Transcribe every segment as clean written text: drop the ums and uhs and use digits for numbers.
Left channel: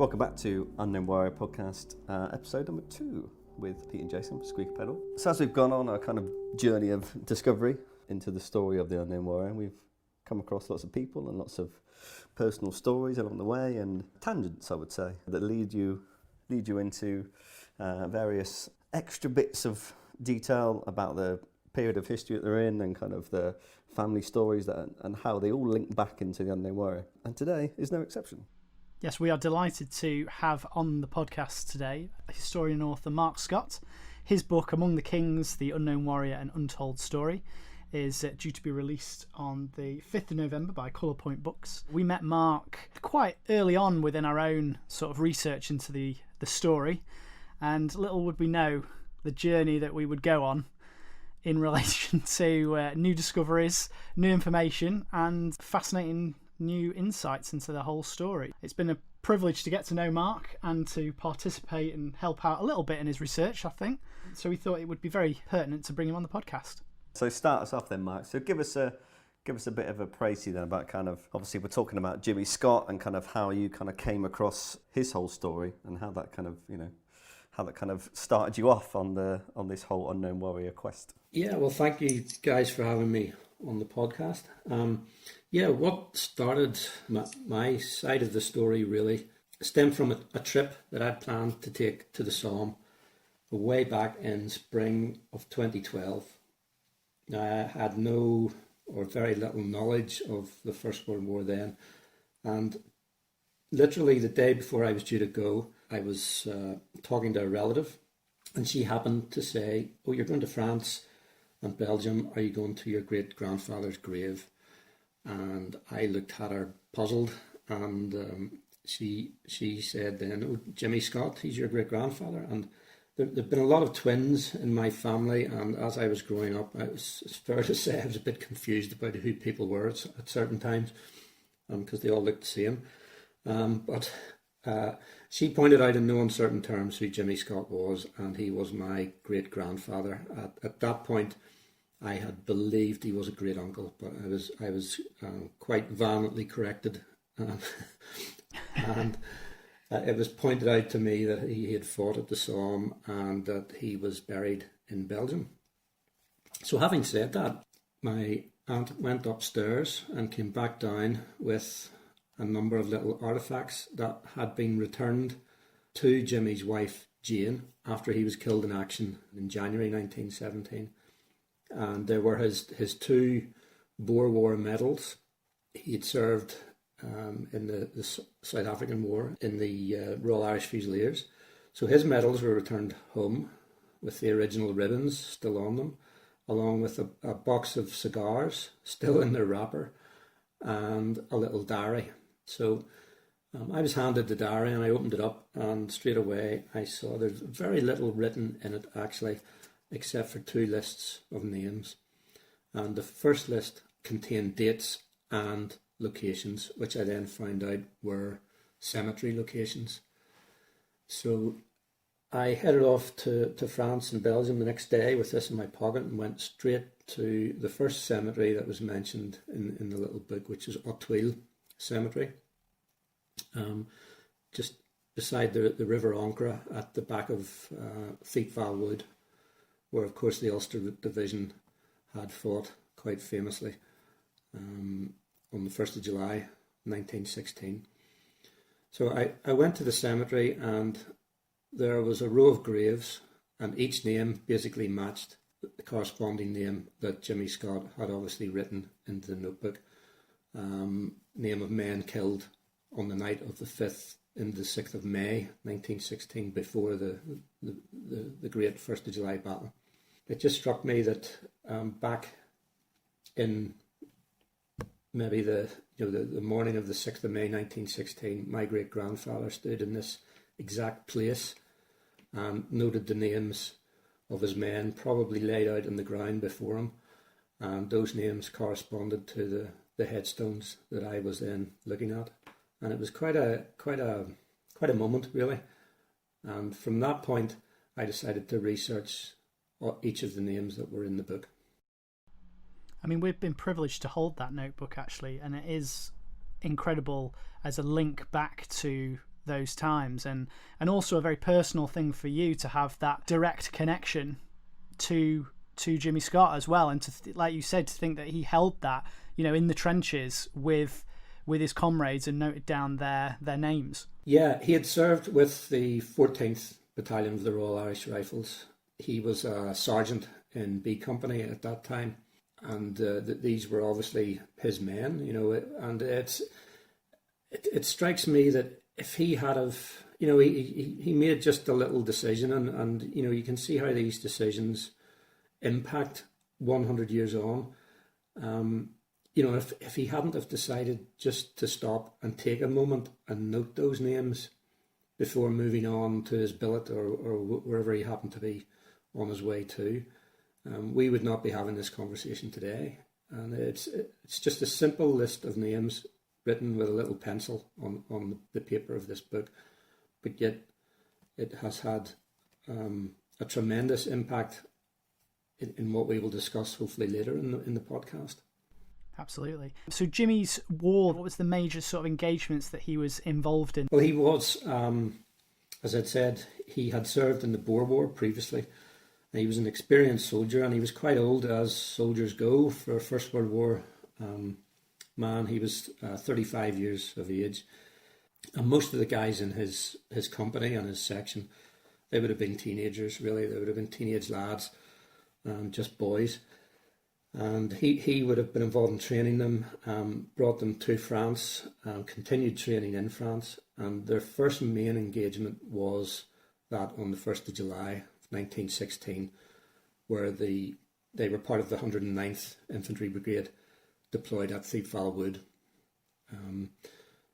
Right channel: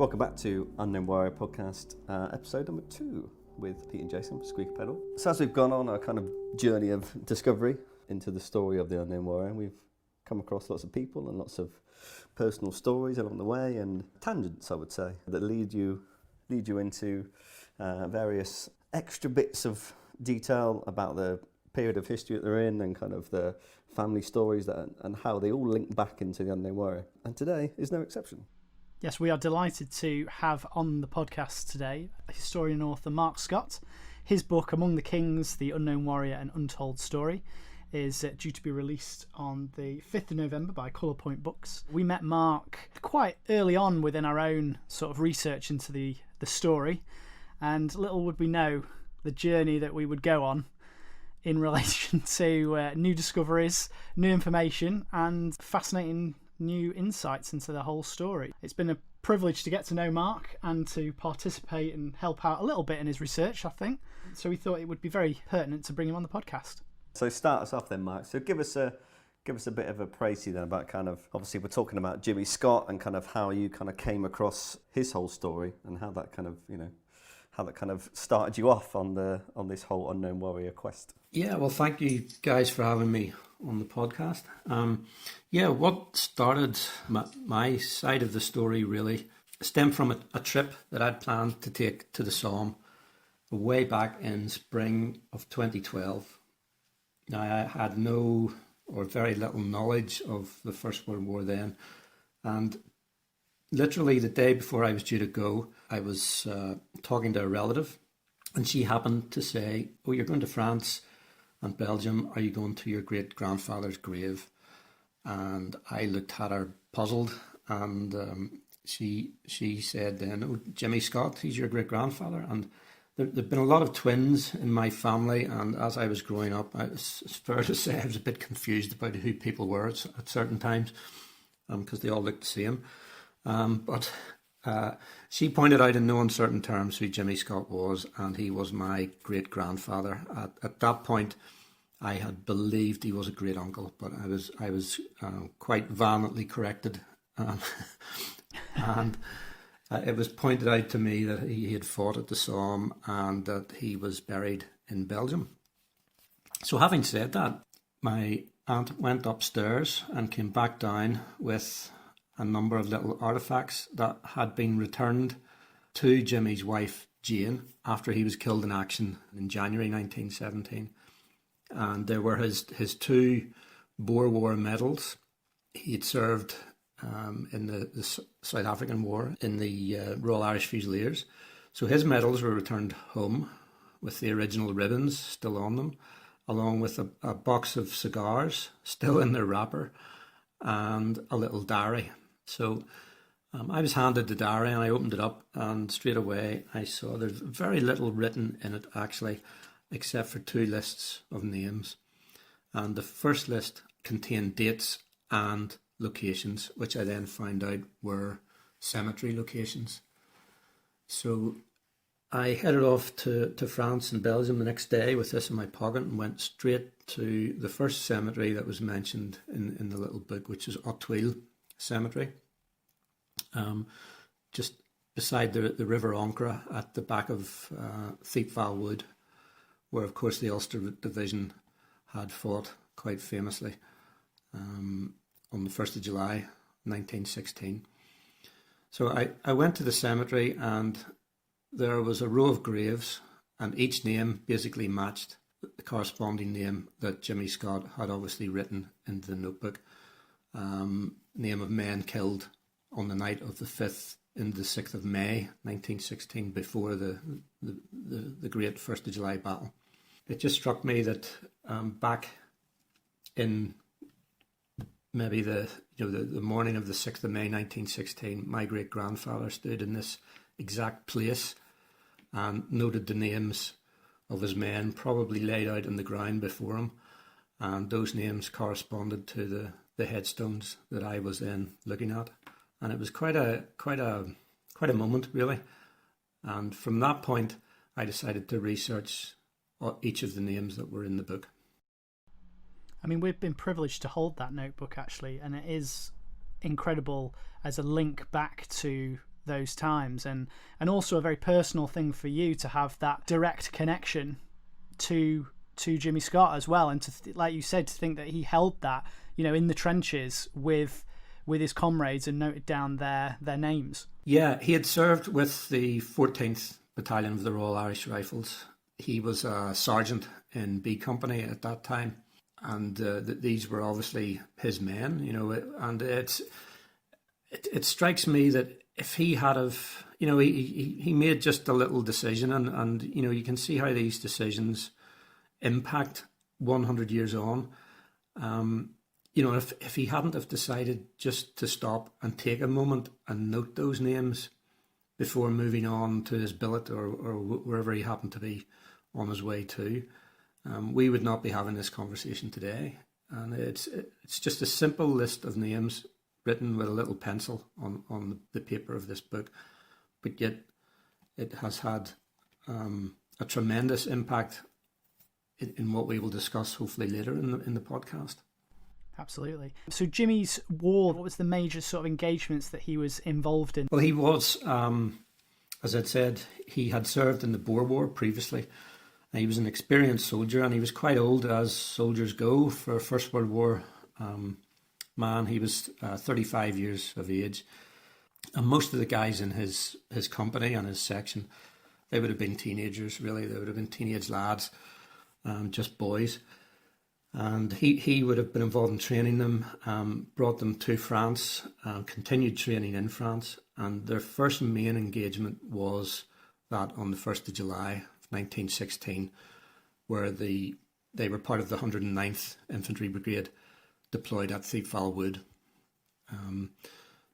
Welcome back to Unknown Warrior Podcast, episode number 2 with Pete and Jason, Squeaky Pedal. So as we've gone on our kind of journey of discovery into the story of the Unknown Warrior, we've come across lots of people and lots of personal stories along the way, and tangents, I would say, that lead you into various extra bits of detail about the period of history that they're in and kind of the family stories and how they all link back into the Unknown Warrior. And today is no exception. Yes, we are delighted to have on the podcast today historian and author Mark Scott. His book, Among the Kings, The Unknown Warrior, An Untold Story, is due to be released on the 5th of November by Colour Point Books. We met Mark quite early on within our own sort of research into the story, and little would we know the journey that we would go on in relation to new discoveries, new information, and fascinating new insights into the whole story. It's been a privilege to get to know Mark and to participate and help out a little bit in his research, I think. So we thought it would be very pertinent to bring him on the podcast. So start us off then, Mark. So give us a bit of a précis then about kind of, obviously we're talking about Jimmy Scott and kind of how you kind of came across his whole story and how that kind of, how that kind of started you off on this whole Unknown Warrior quest. Yeah, well, thank you guys for having me on the podcast. What started my side of the story really stemmed from a trip that I'd planned to take to the Somme way back in spring of 2012. Now, I had no or very little knowledge of the First World War then, and literally the day before I was due to go, I was talking to a relative, and she happened to say, "Oh, you're going to France and Belgium, are you going to your great-grandfather's grave?" And I looked at her puzzled, and she said then, "Oh, Jimmy Scott, he's your great-grandfather." And there'd been a lot of twins in my family, and as I was growing up, it's fair to say I was a bit confused about who people were at certain times, because they all looked the same. But she pointed out in no uncertain terms who Jimmy Scott was, and he was my great-grandfather. At that point, I had believed he was a great-uncle, but I was quite violently corrected. And it was pointed out to me that he had fought at the Somme and that he was buried in Belgium. So having said that, my aunt went upstairs and came back down with a number of little artefacts that had been returned to Jimmy's wife, Jane, after he was killed in action in January 1917. And there were his 2 Boer War medals. He had served in the South African War in the Royal Irish Fusiliers. So his medals were returned home with the original ribbons still on them, along with a box of cigars still in their wrapper and a little diary. So I was handed the diary and I opened it up, and straight away I saw there's very little written in it actually, except for 2 lists of names. And the first list contained dates and locations, which I then found out were cemetery locations. So I headed off to France and Belgium the next day with this in my pocket and went straight to the first cemetery that was mentioned in the little book, which is Hauteville Cemetery, just beside the River Ancre at the back of Thiepval Wood, where of course the Ulster Division had fought quite famously on the 1st of July 1916. So I went to the cemetery, and there was a row of graves, and each name basically matched the corresponding name that Jimmy Scott had obviously written into the notebook. Name of men killed on the night of the 5th and the 6th of May 1916, before the great 1st of July battle. It just struck me that back in maybe the morning of the 6th of May 1916, my great-grandfather stood in this exact place and noted the names of his men, probably laid out in the ground before him, and those names corresponded to the headstones that I was then looking at, and it was quite a moment really. And from that point, I decided to research each of the names that were in the book. I mean, we've been privileged to hold that notebook actually, and it is incredible as a link back to those times, and also a very personal thing for you to have that direct connection to Jimmy Scott as well, and to like you said, to think that he held that, you know, in the trenches with his comrades and noted down their names. Yeah, he had served with the 14th Battalion of the Royal Irish Rifles. He was a sergeant in B Company at that time, and these were obviously his men, you know. And it strikes me that if he had have, you know, he made just a little decision, and you know, you can see how these decisions impact 100 years on. You know, if he hadn't have decided just to stop and take a moment and note those names before moving on to his billet or wherever he happened to be on his way to, we would not be having this conversation today. And it's just a simple list of names written with a little pencil on the paper of this book, but yet it has had a tremendous impact in what we will discuss hopefully later in the podcast. Absolutely. So Jimmy's war, what was the major sort of engagements that he was involved in? Well, he was, as I'd said, he had served in the Boer War previously. He was an experienced soldier, and he was quite old, as soldiers go for a First World War man. He was 35 years of age. And most of the guys in his company and his section, they would have been teenagers, really. They would have been teenage lads, just boys. And he would have been involved in training them, brought them to France, continued training in France. And their first main engagement was that on the 1st of July, 1916, where they were part of the 109th Infantry Brigade deployed at Thiepval Wood.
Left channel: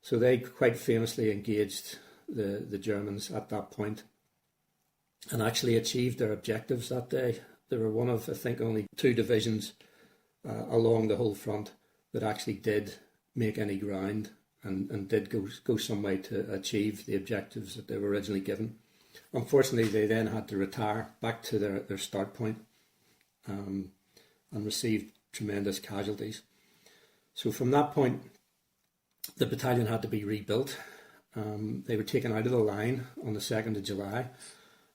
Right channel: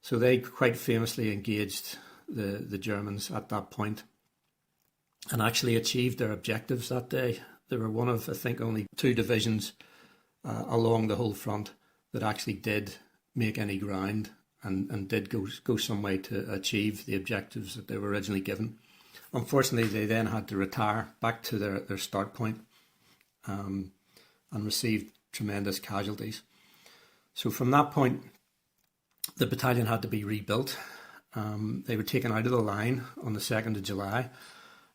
So they quite famously engaged the Germans at that point and actually achieved their objectives that day. They were one of, I think, only 2 divisions along the whole front that actually did make any ground and did go some way to achieve the objectives that they were originally given. Unfortunately, they then had to retire back to their start point and received tremendous casualties. So from that point, the battalion had to be rebuilt. They were taken out of the line on the 2nd of July,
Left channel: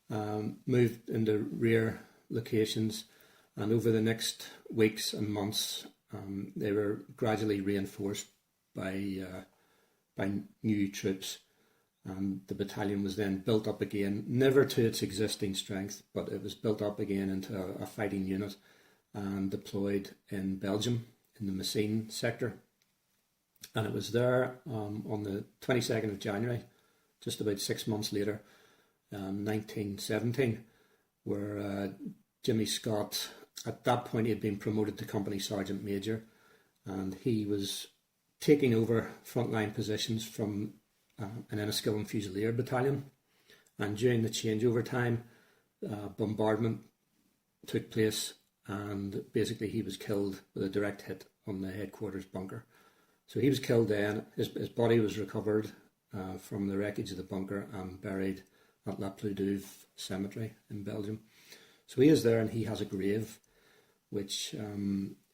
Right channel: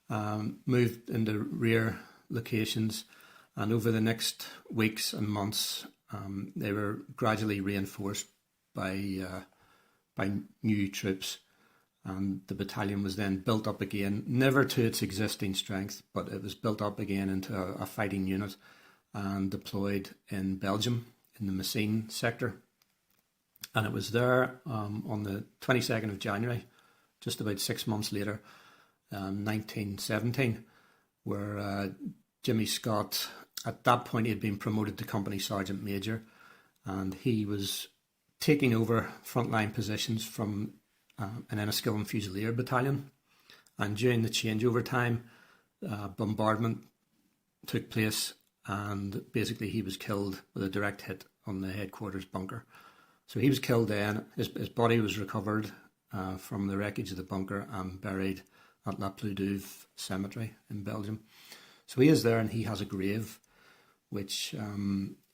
moved into rear locations, and over the next weeks and months, they were gradually reinforced by new troops. And the battalion was then built up again, never to its existing strength, but it was built up again into a fighting unit and deployed in Belgium, in the Messines sector. And it was there on the 22nd of January, just about 6 months later, 1917, where Jimmy Scott, at that point, he had been promoted to Company Sergeant Major, and he was taking over frontline positions from an Enniskillen Fusilier battalion. And during the changeover time, bombardment took place, and basically he was killed with a direct hit on the headquarters bunker. So he was killed then. His body was recovered from the wreckage of the bunker and buried at La Ploudouve Cemetery in Belgium. So he is there, and he has a grave, which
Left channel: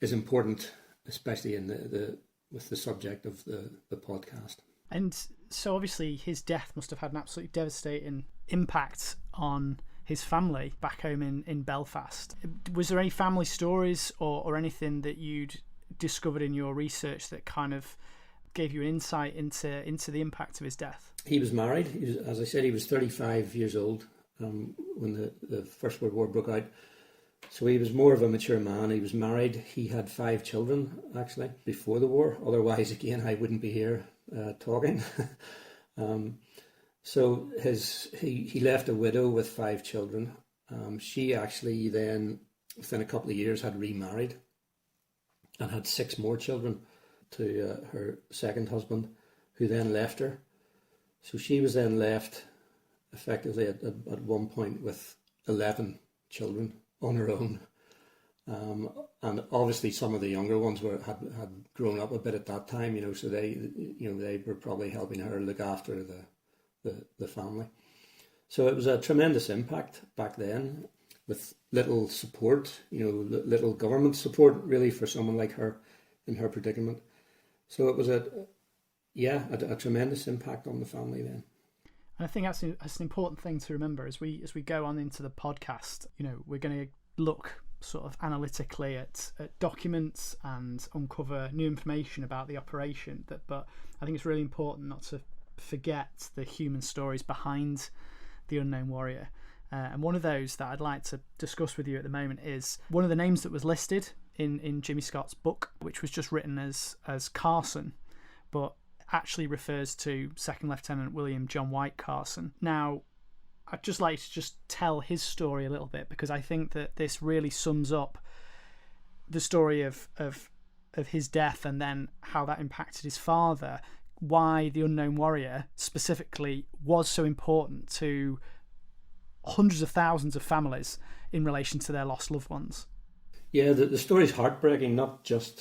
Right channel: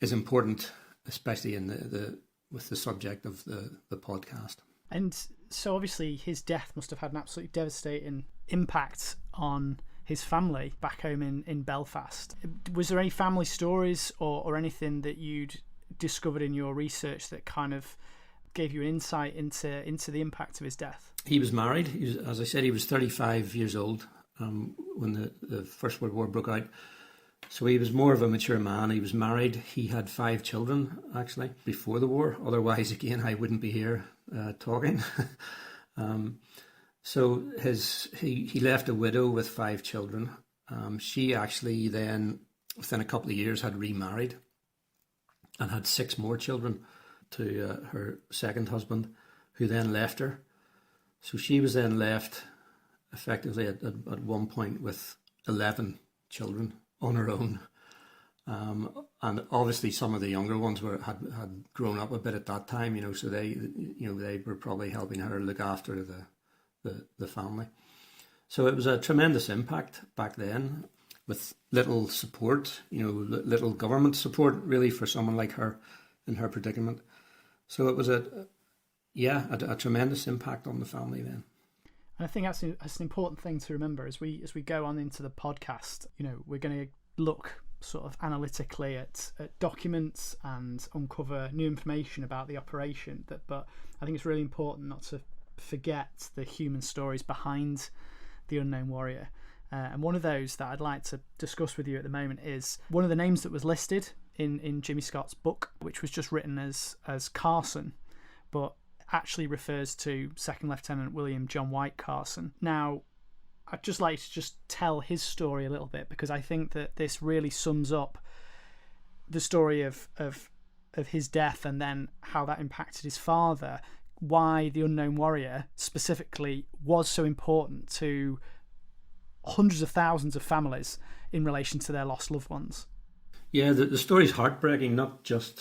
is important, especially in with the subject of the podcast. And so obviously his death must have had an absolutely devastating impact on his family back home in Belfast. Was there any family stories or anything that you'd discovered in your research that kind of gave you an insight into the impact of his death? He was married. As I said, he was 35 years old when the First World War broke out. So he was more of a mature man. He was married. He had 5 children, actually, before the war. Otherwise, again, I wouldn't be here talking. So he left a widow with 5 children. She actually then, within a couple of years, had remarried and had 6 more children to her second husband, who then left her. So she was then left effectively at one point with 11 children on her own. And obviously some of the younger ones had grown up a bit at that time, so they were probably helping her look after the family. So it was a tremendous impact back then, with little support, little government support really for someone like her in her predicament. So it was a tremendous impact on the family then. And I think that's an important thing to remember as we go on into the podcast. We're going to look sort of analytically at documents and uncover new information about the operation. But I think it's really important not to forget the human stories behind the Unknown Warrior. And one of those that I'd like to discuss with you at the moment is one of the names that was listed in Jimmy Scott's book, which was just written as Carson, but actually refers to Second Lieutenant William John White Carson. Now, I'd just like to just tell his story a little bit, because I think that this really sums up the story of his death and then how that impacted his father, why the Unknown Warrior specifically was so important to hundreds of thousands of families in relation to their lost loved ones. Yeah, the story's heartbreaking, not just,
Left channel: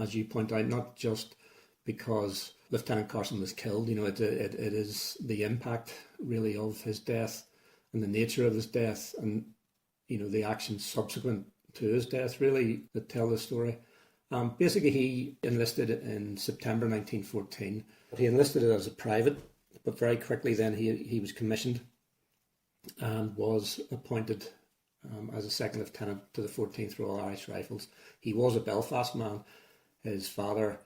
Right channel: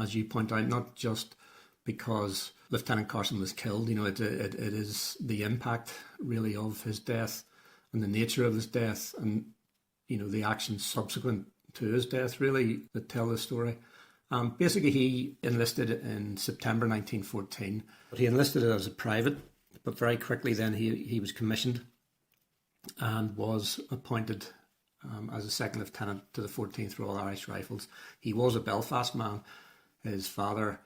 as you point out, not just because Lieutenant Carson was killed. It is the impact really of his death and the nature of his death and, the actions subsequent to his death really that tell the story. Basically, he enlisted in September 1914. He enlisted as a private, but very quickly then he was commissioned and was appointed as a second lieutenant to the 14th Royal Irish Rifles. He was a Belfast man. His father,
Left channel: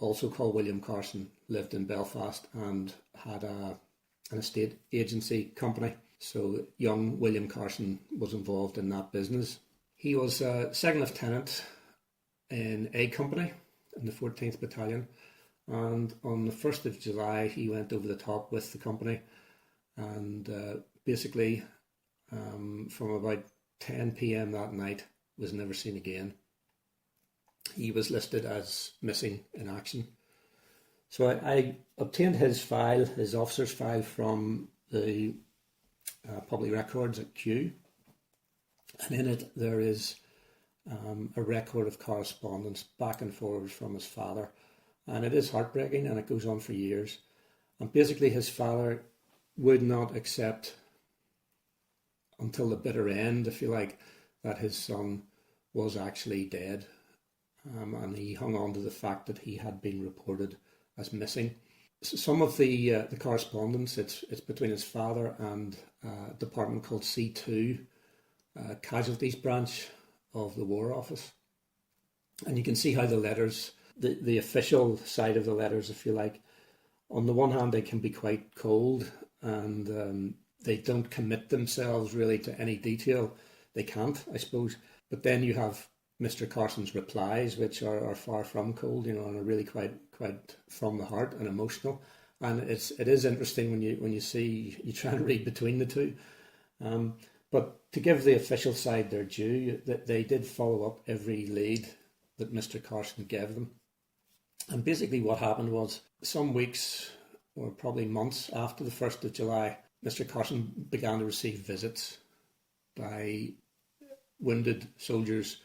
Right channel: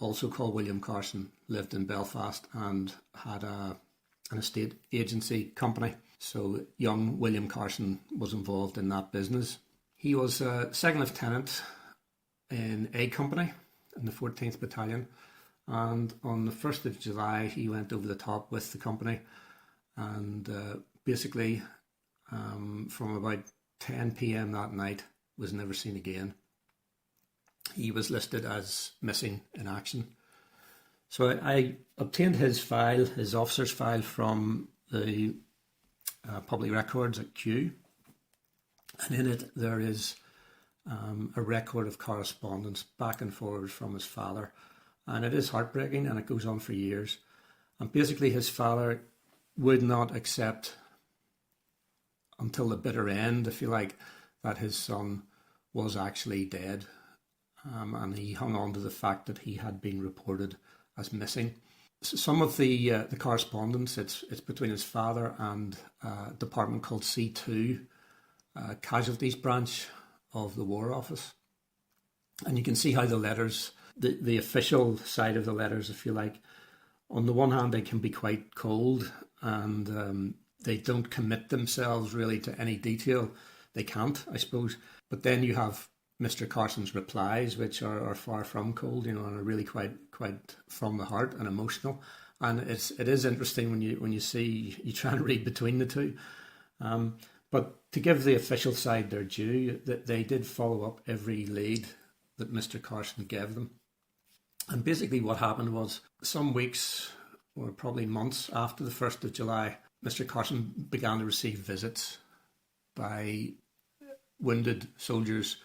also called William Carson, lived in Belfast and had an estate agency company. So young William Carson was involved in that business. He was a second lieutenant in A Company in the 14th Battalion, and on the 1st of July he went over the top with the company, and basically from about 10 p.m. that night was never seen again. He was listed as missing in action. So I obtained his file, his officer's file, from the public records at Kew, and in it there is a record of correspondence back and forward from his father, and it is heartbreaking, and it goes on for years. And basically his father would not accept until the bitter end, if you like, that his son was actually dead, and he hung on to the fact that he had been reported as missing. So some of the correspondence, it's between his father and a department called C2, Casualties Branch of the War Office. And you can see how the letters, the official side of the letters, if you like, on the one hand they can be quite cold, and they don't commit themselves really to any detail. They can't, I suppose. But then you have Mr. Carson's replies, which are far from cold, and are really quite from the heart and emotional. And it is interesting when you try and read between the two. But to give the official side their due, that they did follow up every lead that Mr. Carson gave them. And basically what happened was, some weeks or probably months after the 1st of July, Mr. Carson began to receive visits by wounded soldiers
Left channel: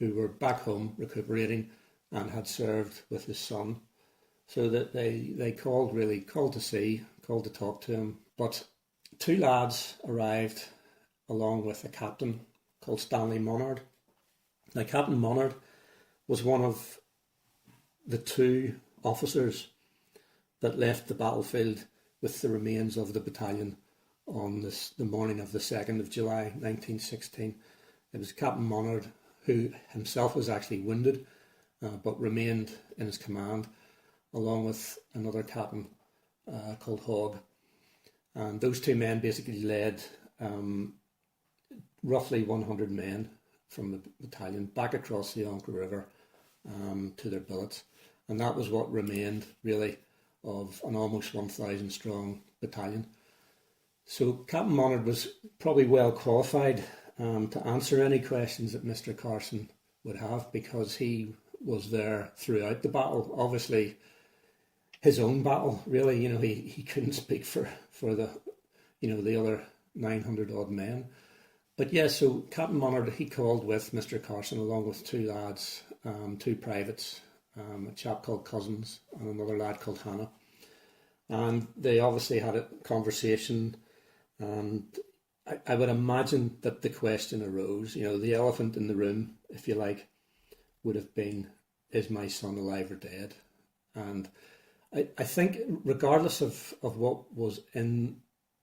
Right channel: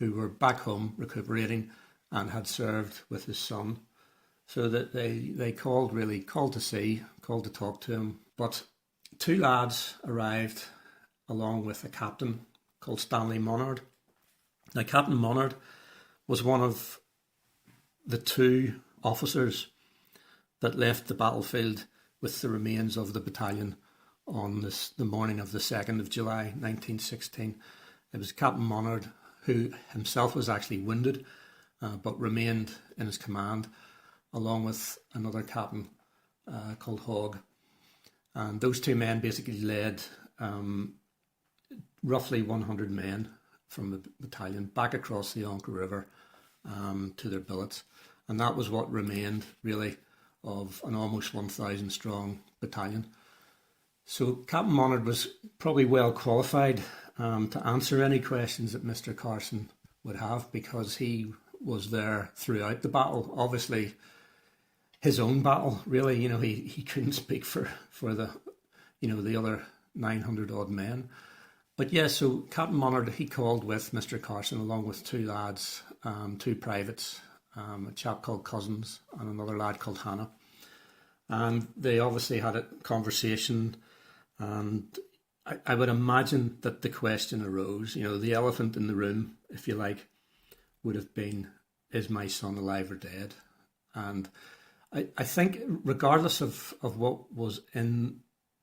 who were back home recuperating and had served with his son. So that they called to talk to him. But two lads arrived along with a captain called Stanley Monard. Now, Captain Monard was one of the two officers that left the battlefield with the remains of the battalion on the morning of the 2nd of July 1916. It was Captain Monard, who himself was actually wounded, but remained in his command, along with another captain called Hogg. And those two men basically led roughly 100 men from the battalion back across the Onca River to their billets. And that was what remained, really, of an almost 1,000 strong battalion. So Captain Monard was probably well qualified to answer any questions that Mr. Carson would have, because he was there throughout the battle. Obviously, his own battle, really, he couldn't speak for the, the other 900 odd men. But yeah, so Captain Monard, he called with Mr. Carson along with two lads, two privates, a chap called Cousins and another lad called Hannah. And they obviously had a conversation, and I would imagine that the question arose, the elephant in the room, if you like, would have been, is my son alive or dead? And I think regardless of what was in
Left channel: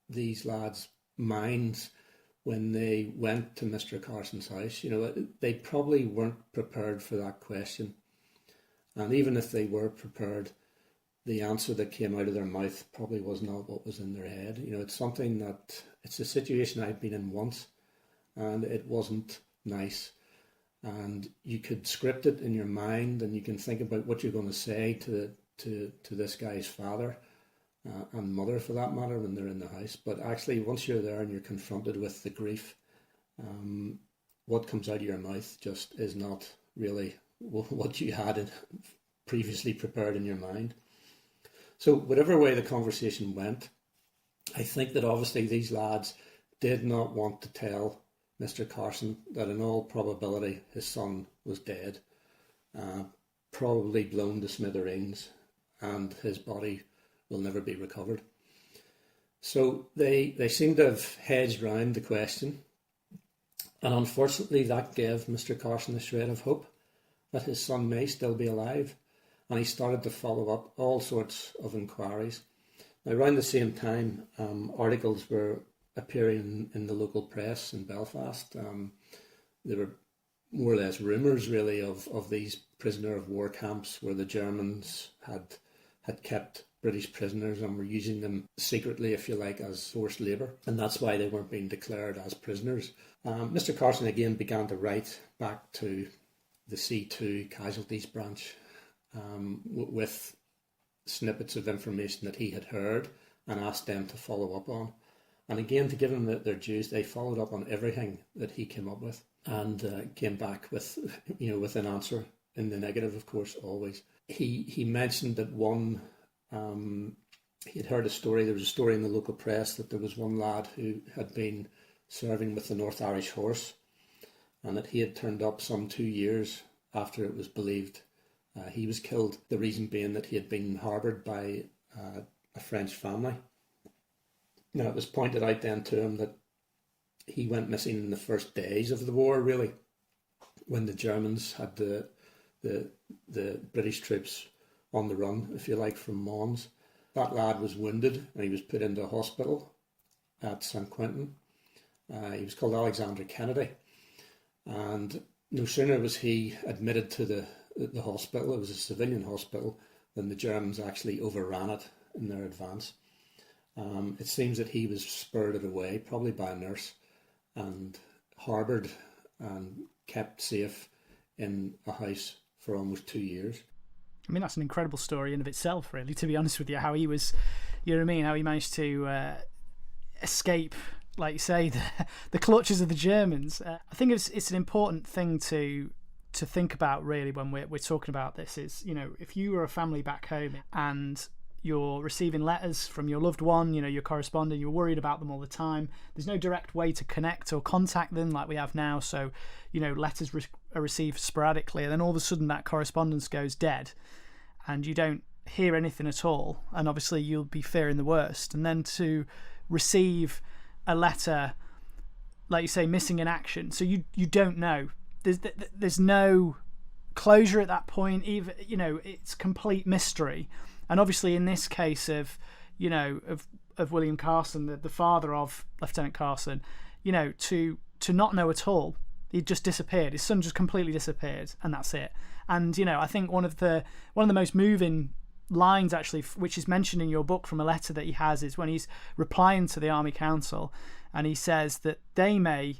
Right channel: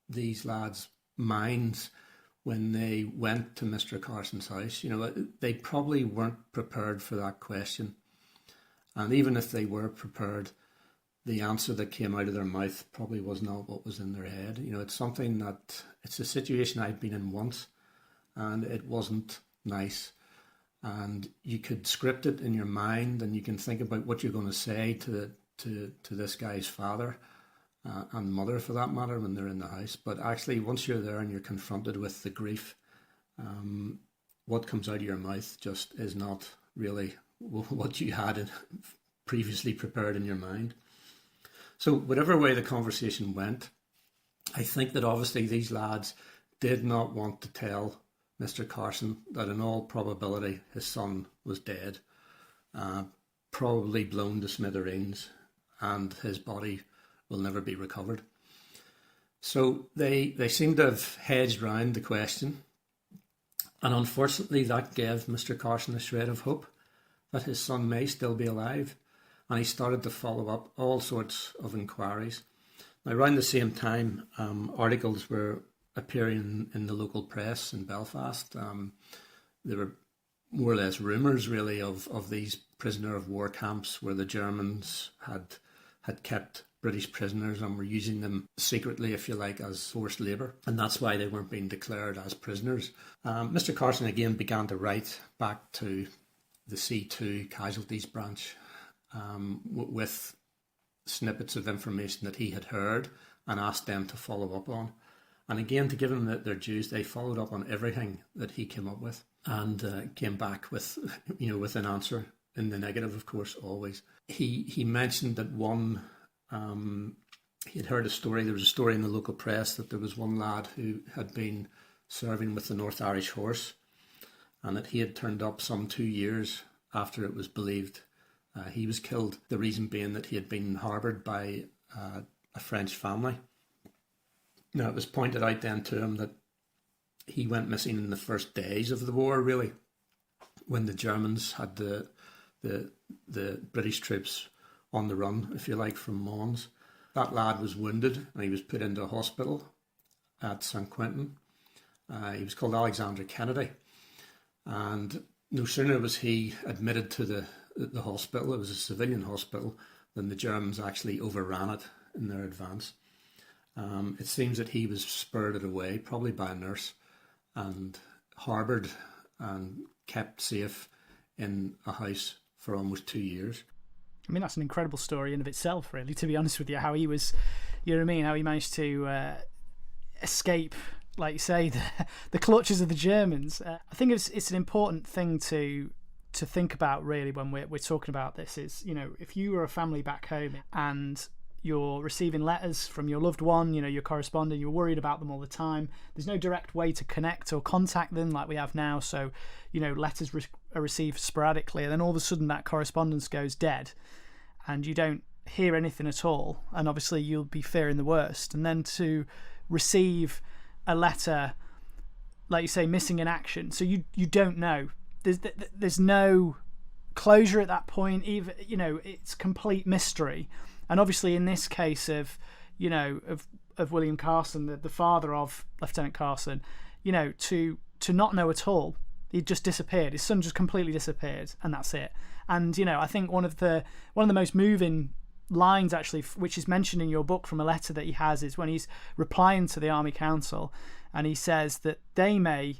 these lads' minds when they went to Mr. Carson's house, they probably weren't prepared for that question. And even if they were prepared, the answer that came out of their mouth probably was not what was in their head. It's a situation I've been in once, and it wasn't nice. And you could script it in your mind, and you can think about what you're going to say to this guy's father and mother, for that matter, when they're in the house. But actually, once you're there and you're confronted with the grief, what comes out of your mouth just is not really what you had previously prepared in your mind. So whatever way the conversation went, I think that obviously these lads did not want to tell Mr. Carson that in all probability his son was dead, probably blown to smithereens, and his body will never be recovered. So they seem to have hedged round the question, and unfortunately that gave Mr. Carson a shred of hope that his son may still be alive, and he started to follow up all sorts of inquiries. Now, around the same time, articles were appearing in the local press in Belfast. There were more or less rumours, really, of these prisoner of war camps where the Germans had kept British prisoners and were using them secretly, if you like, as forced labour, and that's why they weren't being declared as prisoners. Mr. Carson again began to write back to the C2 Casualties branch with snippets of information that he had heard and asked them to follow up on. And again, to give them their dues, they followed up on everything that he came up with and came back with an answer in the negative, of course, always. He mentioned that he had heard a story. There was a story in the local press that there was one lad who had been serving with the North Irish Horse, and that he had turned up some 2 years after it was believed he was killed. The reason being that he had been harboured by a French family. Now, it was pointed out then to him that he went missing in the first days of the war, really, when the Germans had the British troops on the run, if you like, from Mons. That lad was wounded and he was put into a hospital at St. Quentin. He was called Alexander Kennedy. And no sooner was he admitted to the hospital, it was a civilian hospital, than the Germans actually overran it in their advance. It seems that he was spirited away, probably by a nurse, and harboured and kept safe in a house for almost 2 years. I mean, that's an incredible story in of itself, really, to be honest with you, how he was, how he managed to escape, like you say, the clutches of the Germans. I think it's an important thing to think about, really, when we're talking about this is, if you were a family back home and you're receiving letters from your loved one, you're corresponding, you're worried about them all the time, there's no direct way to connect or contact them like we have now, so letters are received sporadically, and then all of a sudden that correspondence goes dead and you don't hear anything at all, and obviously you'll be fearing the worst. And then to receive a letter, like you say, missing in action, so you don't know, there's no closure at that point, even it's complete mystery. And obviously in this case of William Carson, the father of Lieutenant Carson, to not know at all. He just disappeared. His son just completely disappeared, and that's it. And I think one of the most moving lines, actually, which is mentioned in your book from a letter that he has, is when he's replying to the Army Council, and he says that they may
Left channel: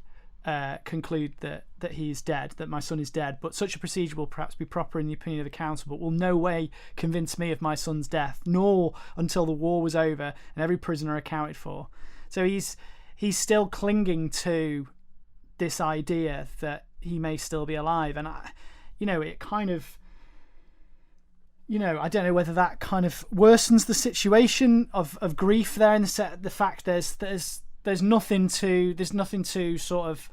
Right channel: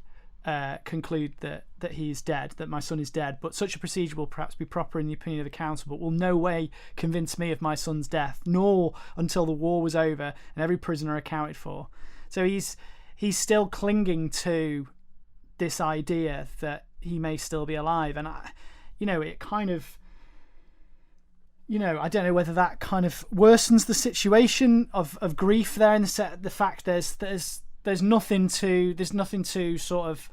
conclude that he is dead, that my son is dead, but such a procedure will perhaps be proper in the opinion of the council, but will no way convince me of my son's death, nor until the war was over and every prisoner accounted for. So he's still clinging to this idea that he may still be alive, and it kind of, I don't know whether that kind of worsens the situation of grief there, in the fact there's nothing to sort of,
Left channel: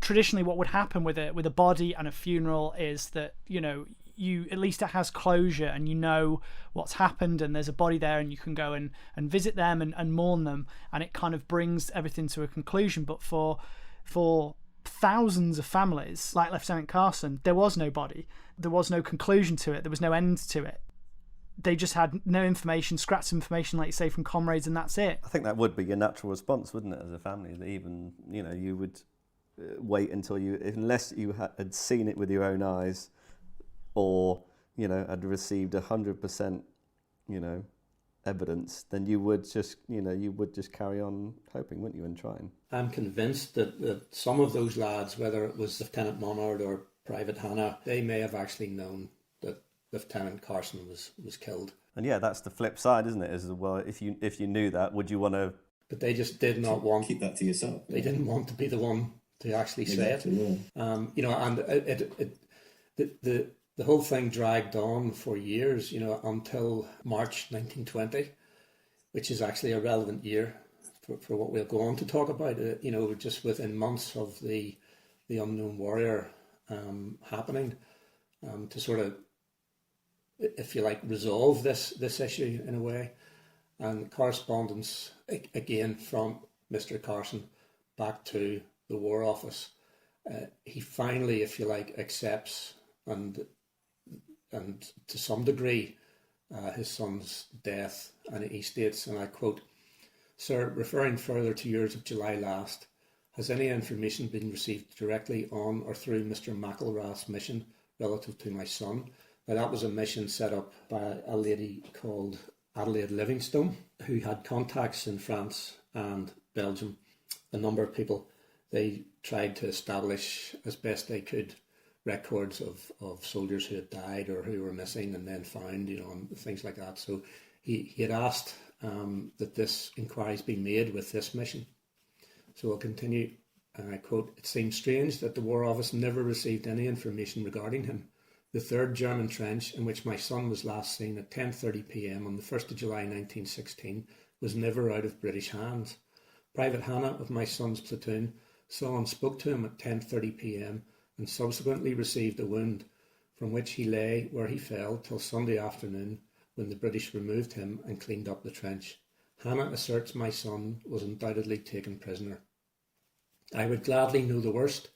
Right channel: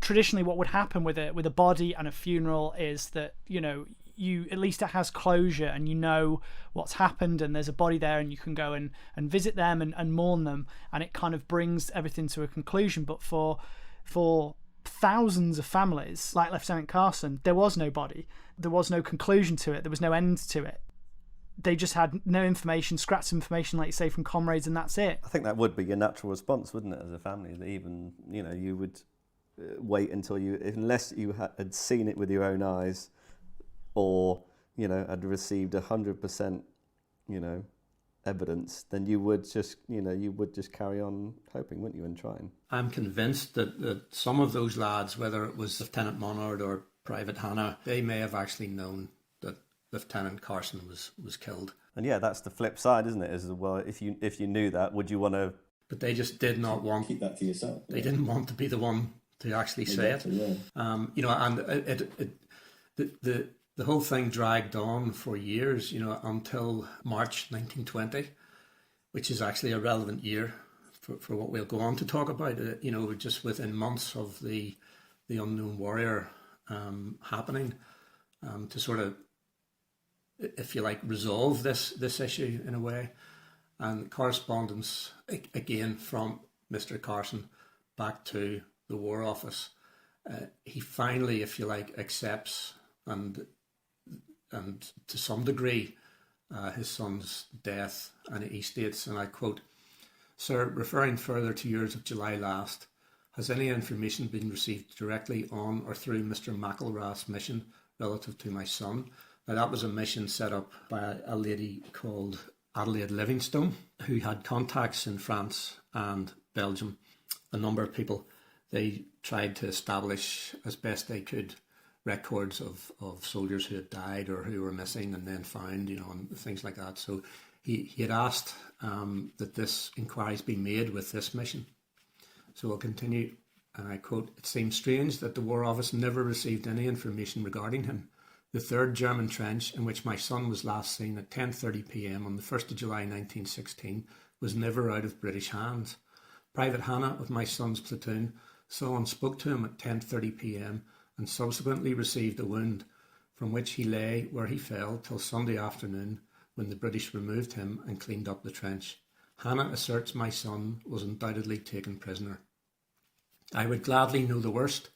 traditionally what would happen with a body and a funeral is that, you at least it has closure and what's happened, and there's a body there and you can go and visit them and mourn them, and it kind of brings everything to a conclusion. But for thousands of families like Lieutenant Carson, there was no body, there was no conclusion to it, there was no end to it. they just had no information, scraps information, like you say, from comrades, and that's it. I think that would be your natural response, wouldn't it, as a family? That even, you would wait until unless you had seen it with your own eyes, or had received 100%, evidence, then you would just carry on hoping, wouldn't you, and trying. I'm convinced that some of those lads, whether it was Lieutenant Monard or Private Hannah, they may have actually known that Lieutenant Carson was killed. And yeah, that's the flip side, isn't it? As well, if you knew that, would you want to? But they just did not want keep that to yourself. They didn't want to be the one to actually say it. And the whole thing dragged on for years, until March 1920, which is actually a relevant year for what we'll go on to talk about. Just within months of the Unknown Warrior happening, to sort of, if you like, resolve this issue in a way. And correspondence again from Mr. Carson back to the War Office. He finally, if you like, accepts and to some degree his son's death, and he states, and I quote, "Sir, referring further to yours of July last, has any information been received directly on or through Mr. McElrath's mission relative to my son?" Now, that was a mission set up by a lady called Adelaide Livingstone, who had contacts in France and Belgium. A number of people, they tried to establish as best they could records of soldiers who had died or who were missing and then found, and things like that. So he had asked that this inquiries be made with this mission. So I'll continue, and I quote, "It seems strange that the War Office never received any information regarding him. The 3rd German trench, in which my son was last seen at 10:30 p.m. on the 1st of July 1916, was never out of British hands. Private Hannah of my son's platoon saw and spoke to him at 10:30 p.m. and subsequently received a wound, from which he lay where he fell till Sunday afternoon, when the British removed him and cleaned up the trench. Hannah asserts my son was undoubtedly taken prisoner. I would gladly know the worst,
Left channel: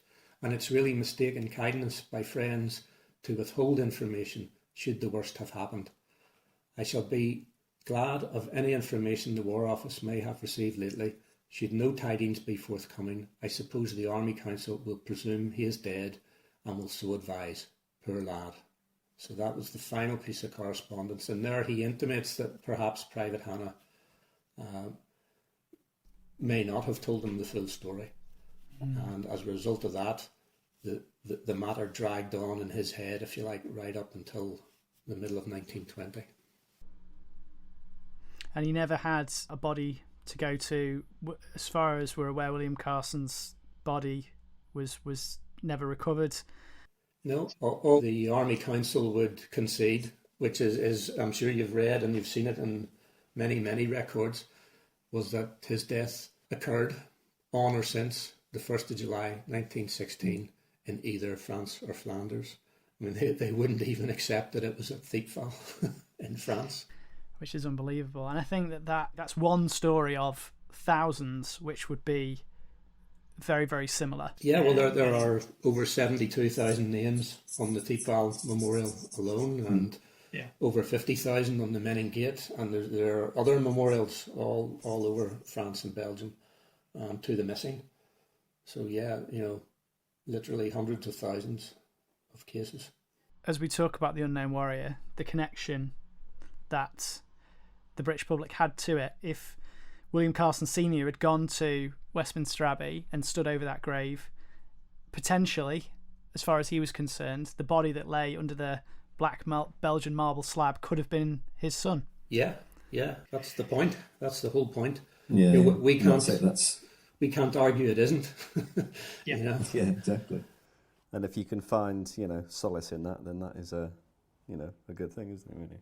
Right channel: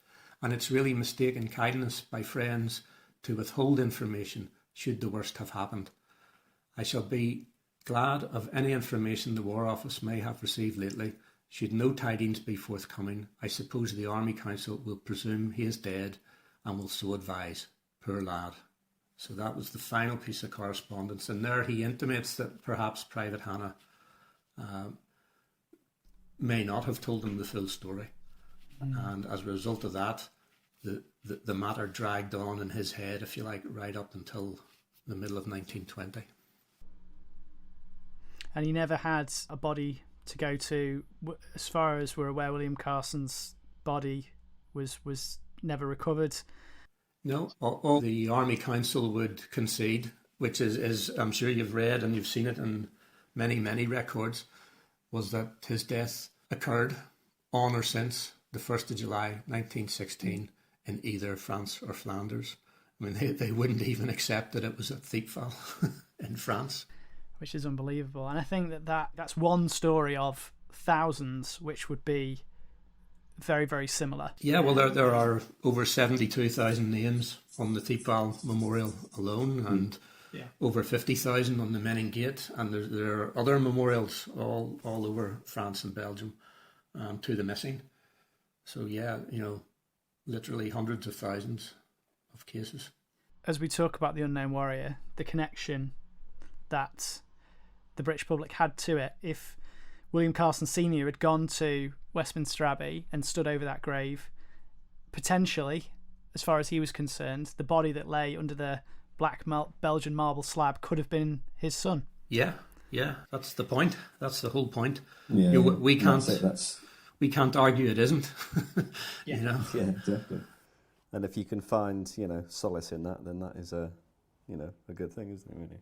and it's really mistaken kindness by friends to withhold information should the worst have happened. I shall be glad of any information the War Office may have received lately. Should no tidings be forthcoming, I suppose the Army Council will presume he is dead and will so advise. Poor lad." So that was the final piece of correspondence, and there he intimates that perhaps Private Hannah may not have told him the full story. And as a result of that, the matter dragged on in his head, if you like, right up until the middle of 1920. And he never had a body to go to. As far as we're aware, William Carson's body was never recovered. No, all the Army Council would concede, which is I'm sure you've read and you've seen it in many, many records, was that his death occurred on or since the 1st of July 1916 in either France or Flanders. I mean, they wouldn't even accept that it was at Thiepval in France. Which is unbelievable. And I think that's one story of thousands which would be very, very similar. Yeah, well, there are over 72,000 names on the Thiepval Memorial alone, and over 50,000 on the Menin Gate, and there are other memorials all over France and Belgium to the missing. So yeah, literally hundreds of thousands of cases. As we talk about the Unknown Warrior, the connection that the British public had to it, if William Carson Sr. had gone to Westminster Abbey and stood over that grave, potentially, as far as he was concerned, the body that lay under the black Belgian marble slab could have been his son. Yeah, that's the point. That's the whole point. Yeah, we can't say that's... we can't argue it isn't. Yeah, exactly. And if you can find, solace in that, then that is a good thing, isn't it, really?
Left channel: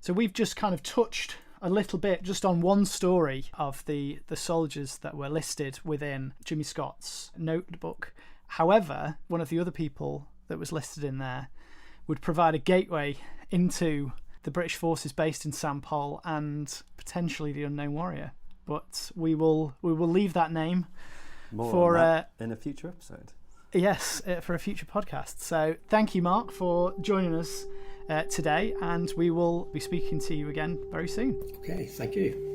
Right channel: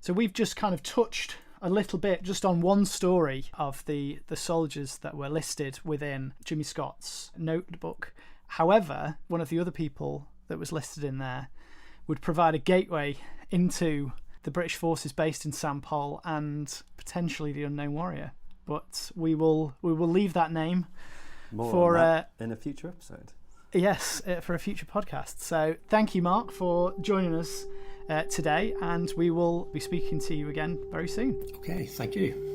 So we've just kind of touched a little bit just on one story of the soldiers that were listed within Jimmy Scott's notebook. However, one of the other people that was listed in there would provide a gateway into the British forces based in Saint-Pol and potentially the Unknown Warrior. But we will leave that name More on that in a future episode. Yes, for a future podcast. So thank you, Mark, for joining us today, and we will be speaking to you again very soon. Okay, thank you.